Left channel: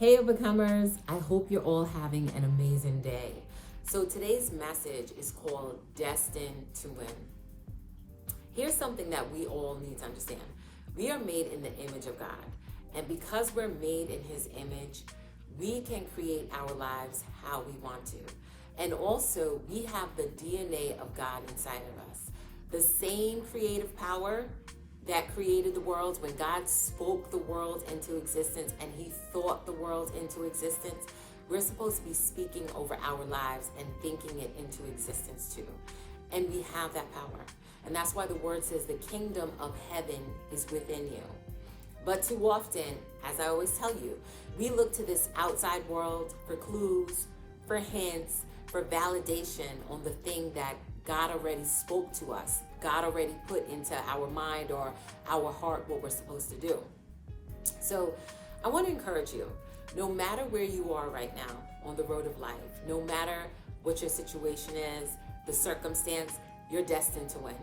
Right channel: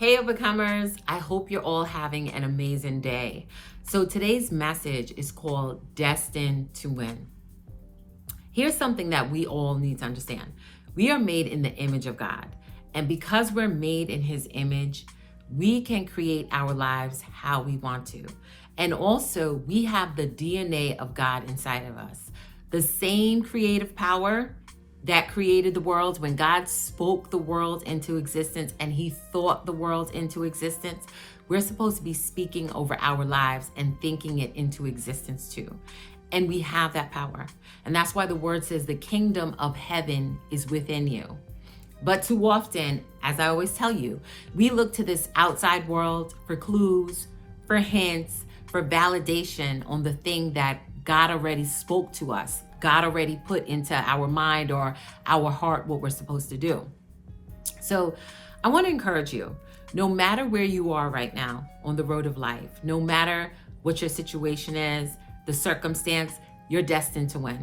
Hey, overcomers. I hope you're all having an amazing day. So today's message is called Destined to Win. Here's something that we all need to understand. We are made in the image of God. And because we're made in his image, we can create our lives how we want to. And also, we have the DNA of God inside of us. The same creative power that created the world. When God spoke the world into existence and he thought the world into existence, we're supposed to be speaking over our lives and thinking it into existence too. And we have that power. And that's why the word says the kingdom of heaven is within you. But too often, as I always tell you, we look to this outside world for clues, for hints, for validation on the thing that God already spoke to us. God already put into our mind or our heart what we're supposed to do. So I want to encourage you, no matter where you are right now on the road of life, no matter what your situation is, the circumstance, you're destined to win.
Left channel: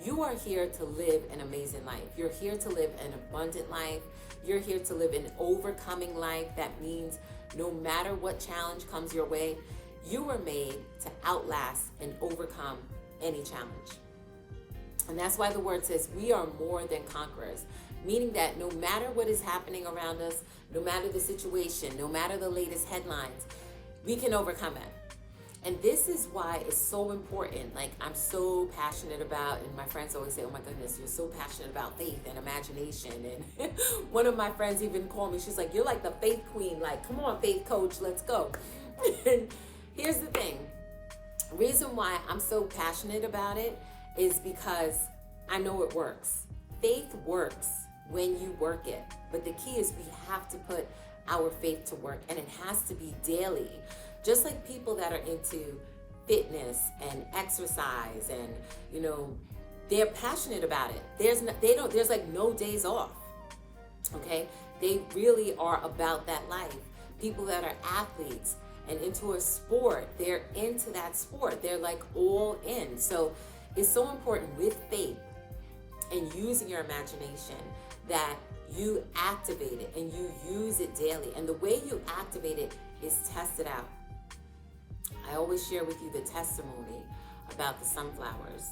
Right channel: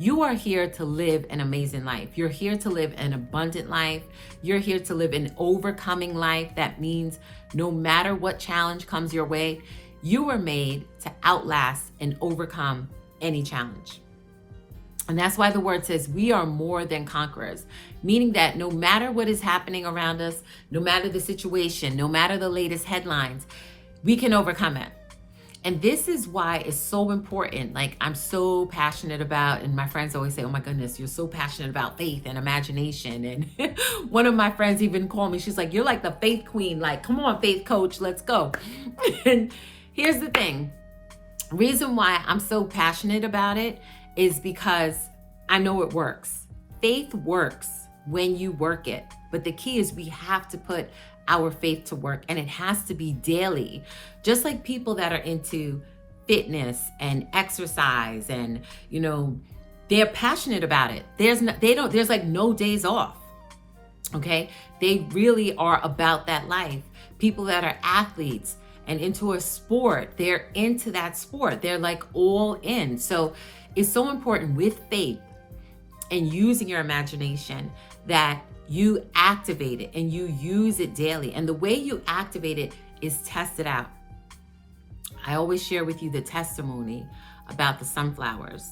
You are here to live an amazing life. You're here to live an abundant life. You're here to live an overcoming life. That means no matter what challenge comes your way, you were made to outlast and overcome any challenge. And that's why the word says we are more than conquerors, meaning that no matter what is happening around us, no matter the situation, no matter the latest headlines, we can overcome it. And this is why it's so important. Like, I'm so passionate about, and my friends always say, oh my goodness, you're so passionate about faith and imagination. And one of my friends even called me, she's like, you're like the faith queen. Like, come on, faith coach, let's go. And here's the thing. Reason why I'm so passionate about it is because I know it works. Faith works when you work it. But the key is we have to put our faith to work, and it has to be daily. Just like people that are into fitness and exercise and, they're passionate about it. There's like no days off. Okay? They really are about that life. People that are athletes and into a sport, they're into that sport. They're like all in. So it's so important with faith and using your imagination that you activate it and you use it daily. And the way you activate it is test it out. I always share with you the testimony about the sunflowers.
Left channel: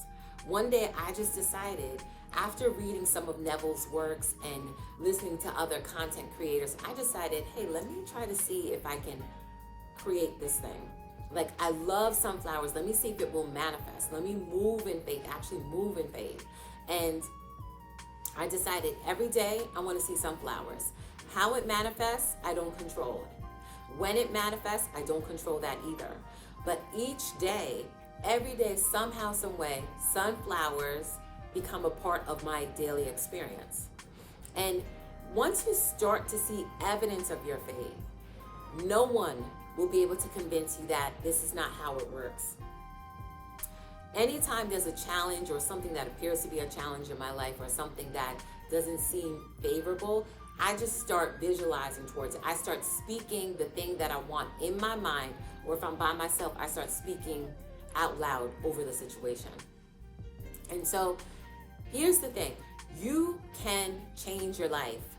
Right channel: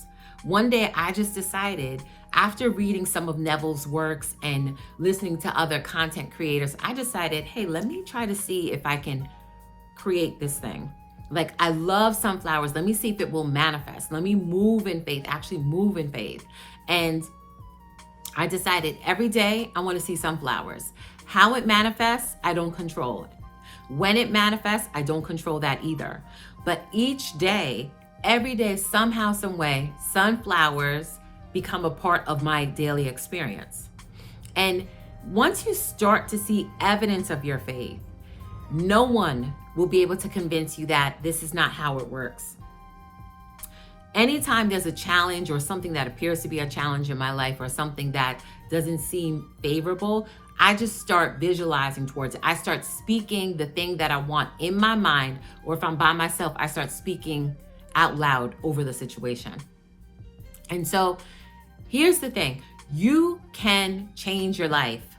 One day I just decided, after reading some of Neville's works and listening to other content creators, I decided, hey, let me try to see if I can create this thing. Like, I love sunflowers. Let me see if it will manifest. Let me move in faith, actually move in faith. And I decided every day I want to see sunflowers. How it manifests, I don't control it. When it manifests, I don't control that either. But each day, every day, somehow, some way, sunflowers become a part of my daily experience. And once you start to see evidence of your faith, no one will be able to convince you that this is not how it works. Anytime there's a challenge or something that appears to be a challenge in my life or something that doesn't seem favorable, I just start visualizing towards it. I start speaking the thing that I want in my mind, or if I'm by myself, I start speaking out loud over the situation. And so here's the thing. You can change your life.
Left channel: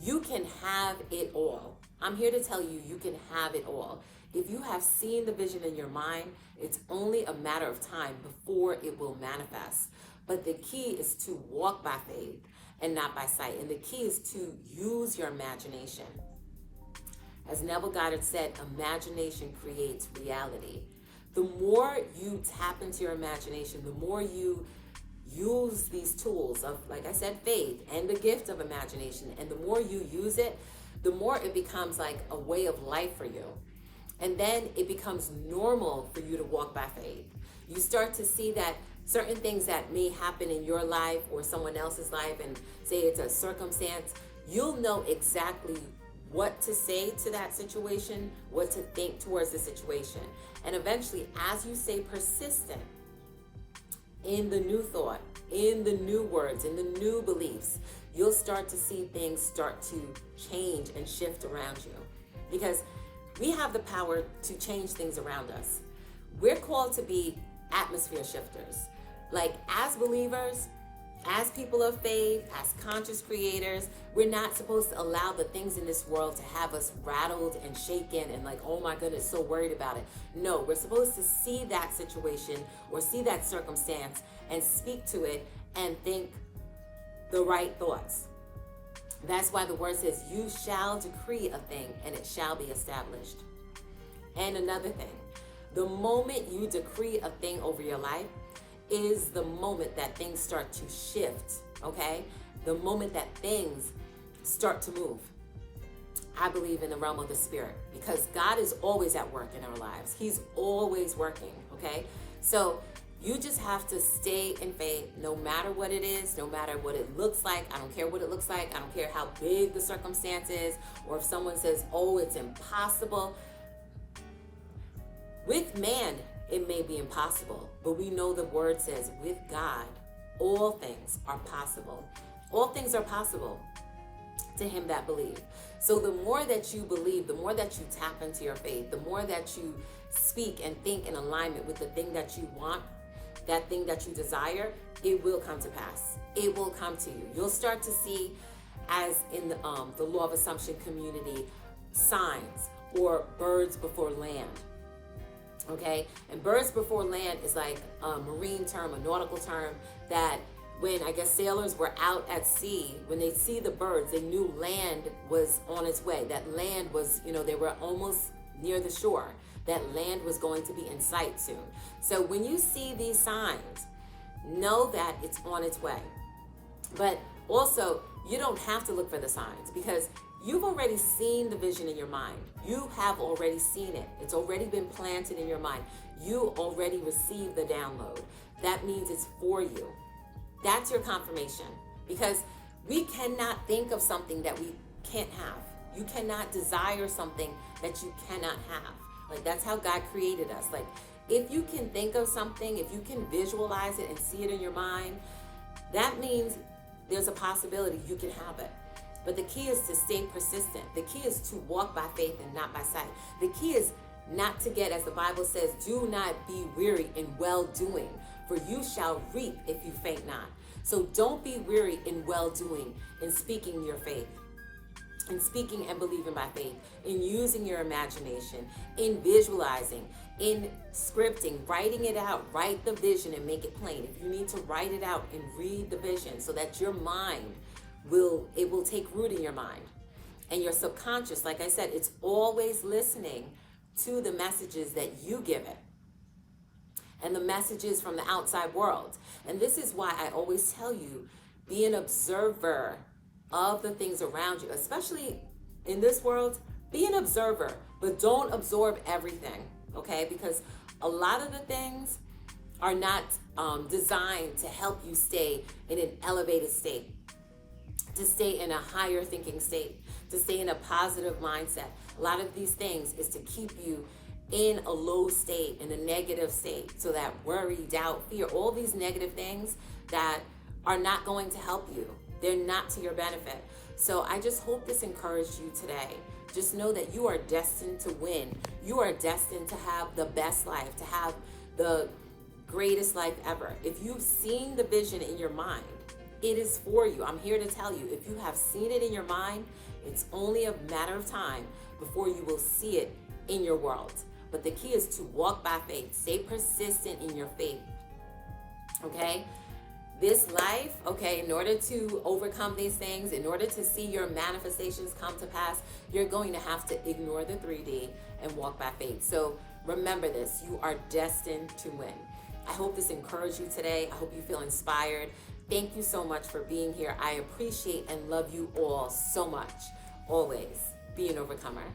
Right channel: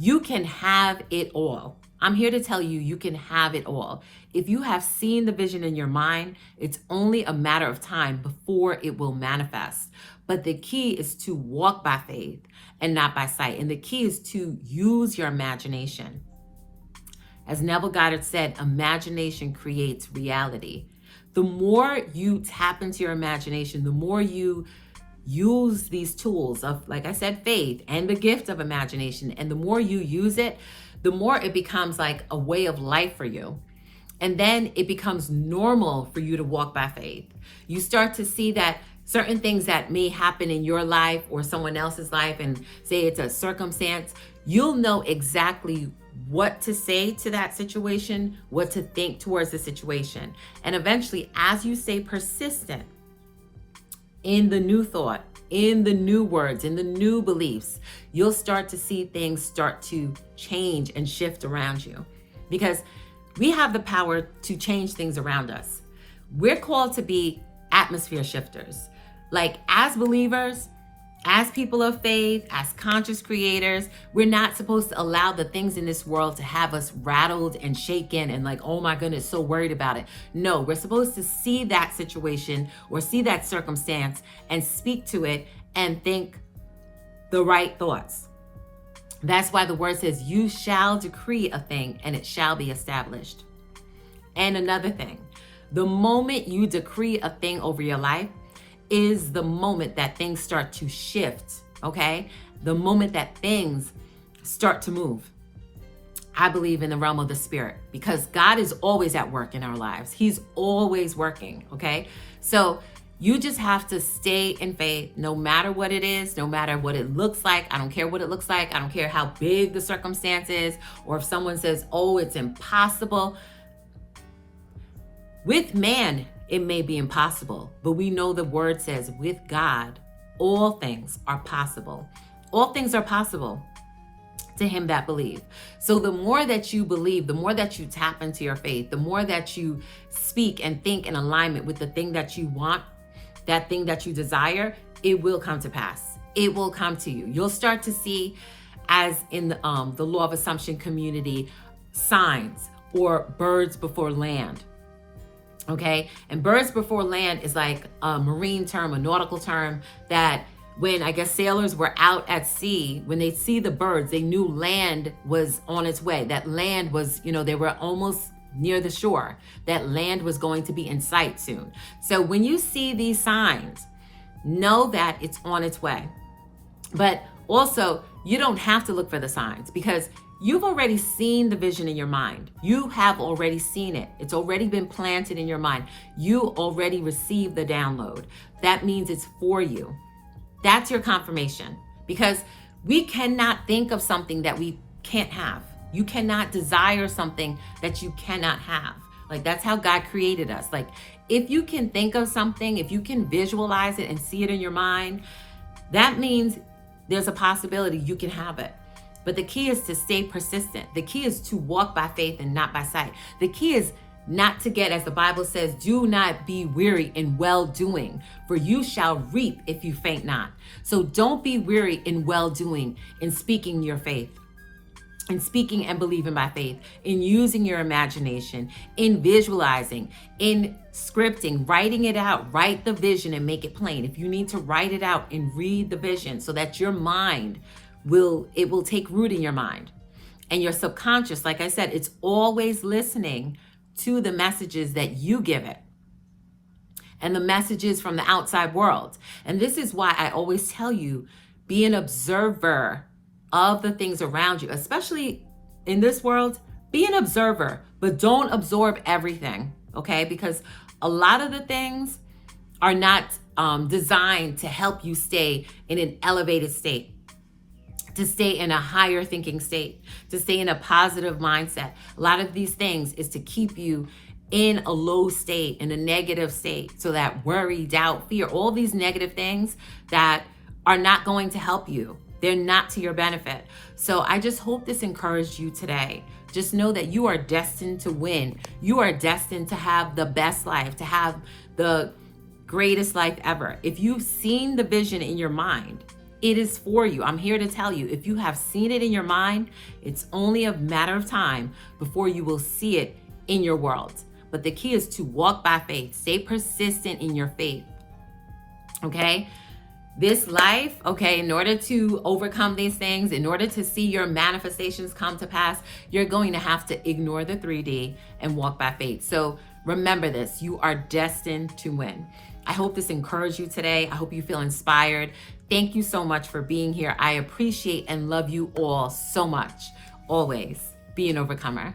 You can have it all. I'm here to tell you, you can have it all. If you have seen the vision in your mind, it's only a matter of time before it will manifest. But the key is to walk by faith and not by sight. And the key is to use your imagination. As Neville Goddard said, imagination creates reality. The more you tap into your imagination, the more you use these tools of, like I said, faith and the gift of imagination, and the more you use it, the more it becomes like a way of life for you. And then it becomes normal for you to walk by faith. You start to see that certain things that may happen in your life or someone else's life, and say it's a circumstance, you'll know exactly what to say to that situation, what to think towards the situation. And eventually, as you stay persistent in the new thought, in the new words, in the new beliefs, you'll start to see things start to change and shift around you. Because we have the power to change things around us. We're called to be atmosphere shifters. Like, as believers, As people of faith, as conscious creators, we're not supposed to allow the things in this world to have us rattled and shaken and like, oh my goodness, so worried about it. No, we're supposed to see that situation or see that circumstance and speak to it and think the right thoughts. That's why the word says, you shall decree a thing and it shall be established. And another thing, the moment you decree a thing over your life is the moment that things start to shift, okay? The moment that things start to move. I believe in the realm of the spirit because God is always at work in our lives. He's always working, okay? So you just have to stay in faith no matter what it is, no matter what it looks like. I don't care what it looks like. I don't care how big the circumstance is, or if someone says, oh, it's impossible. With man, it may be impossible, but we know the word says with God, all things are possible. All things are possible to him that believe. So the more that you believe, the more that you tap into your faith, the more that you speak and think in alignment with the thing that you want, that thing that you desire, it will come to pass. It will come to you. You'll start to see, as in the law of assumption community, signs or birds before land. Okay, and birds before land is like a marine term, a nautical term that when I guess sailors were out at sea, when they see the birds, they knew land was on its way. That land was, they were almost near the shore. That land was going to be in sight soon. So when you see these signs, know that it's on its way. But also, you don't have to look for the signs because you've already seen the vision in your mind. You have already seen it. It's already been planted in your mind. You already received the download. That means it's for you. That's your confirmation, because we cannot think of something that we can't have. You cannot desire something that you cannot have. Like, that's how God created us. Like, if you can think of something, if you can visualize it and see it in your mind, that means there's a possibility you can have it. But the key is to stay persistent. The key is to walk by faith and not by sight. The key is not to get, as the Bible says, do not be weary in well-doing, for you shall reap if you faint not. So don't be weary in well-doing, in speaking your faith, in speaking and believing by faith, in using your imagination, in visualizing, in scripting, writing it out. Write the vision and make it plain. If you need to write it out and read the vision so that your mind will take root in your mind. And your subconscious, like I said, it's always listening to the messages that you give it and the messages from the outside world. And this is why I always tell you, be an observer of the things around you, especially in this world. Be an observer, but don't absorb everything, okay? Because a lot of the things are not designed to help you stay in an elevated state, to stay in a higher thinking state, to stay in a positive mindset. A lot of these things is to keep you in a low state, in a negative state, so that worry, doubt, fear, all these negative things that are not going to help you. They're not to your benefit. So I just hope this encouraged you today. Just know that you are destined to win. You are destined to have the best life, to have the greatest life ever. If you've seen the vision in your mind, it is for you. I'm here to tell you, if you have seen it in your mind, it's only a matter of time before you will see it in your world. But the key is to walk by faith. Stay persistent in your faith. Okay? This life, okay, in order to overcome these things, in order to see your manifestations come to pass, you're going to have to ignore the 3D and walk by faith. So remember this, you are destined to win. I hope this encouraged you today. I hope you feel inspired. Thank you so much for being here. I appreciate and love you all so much. Always be an overcomer.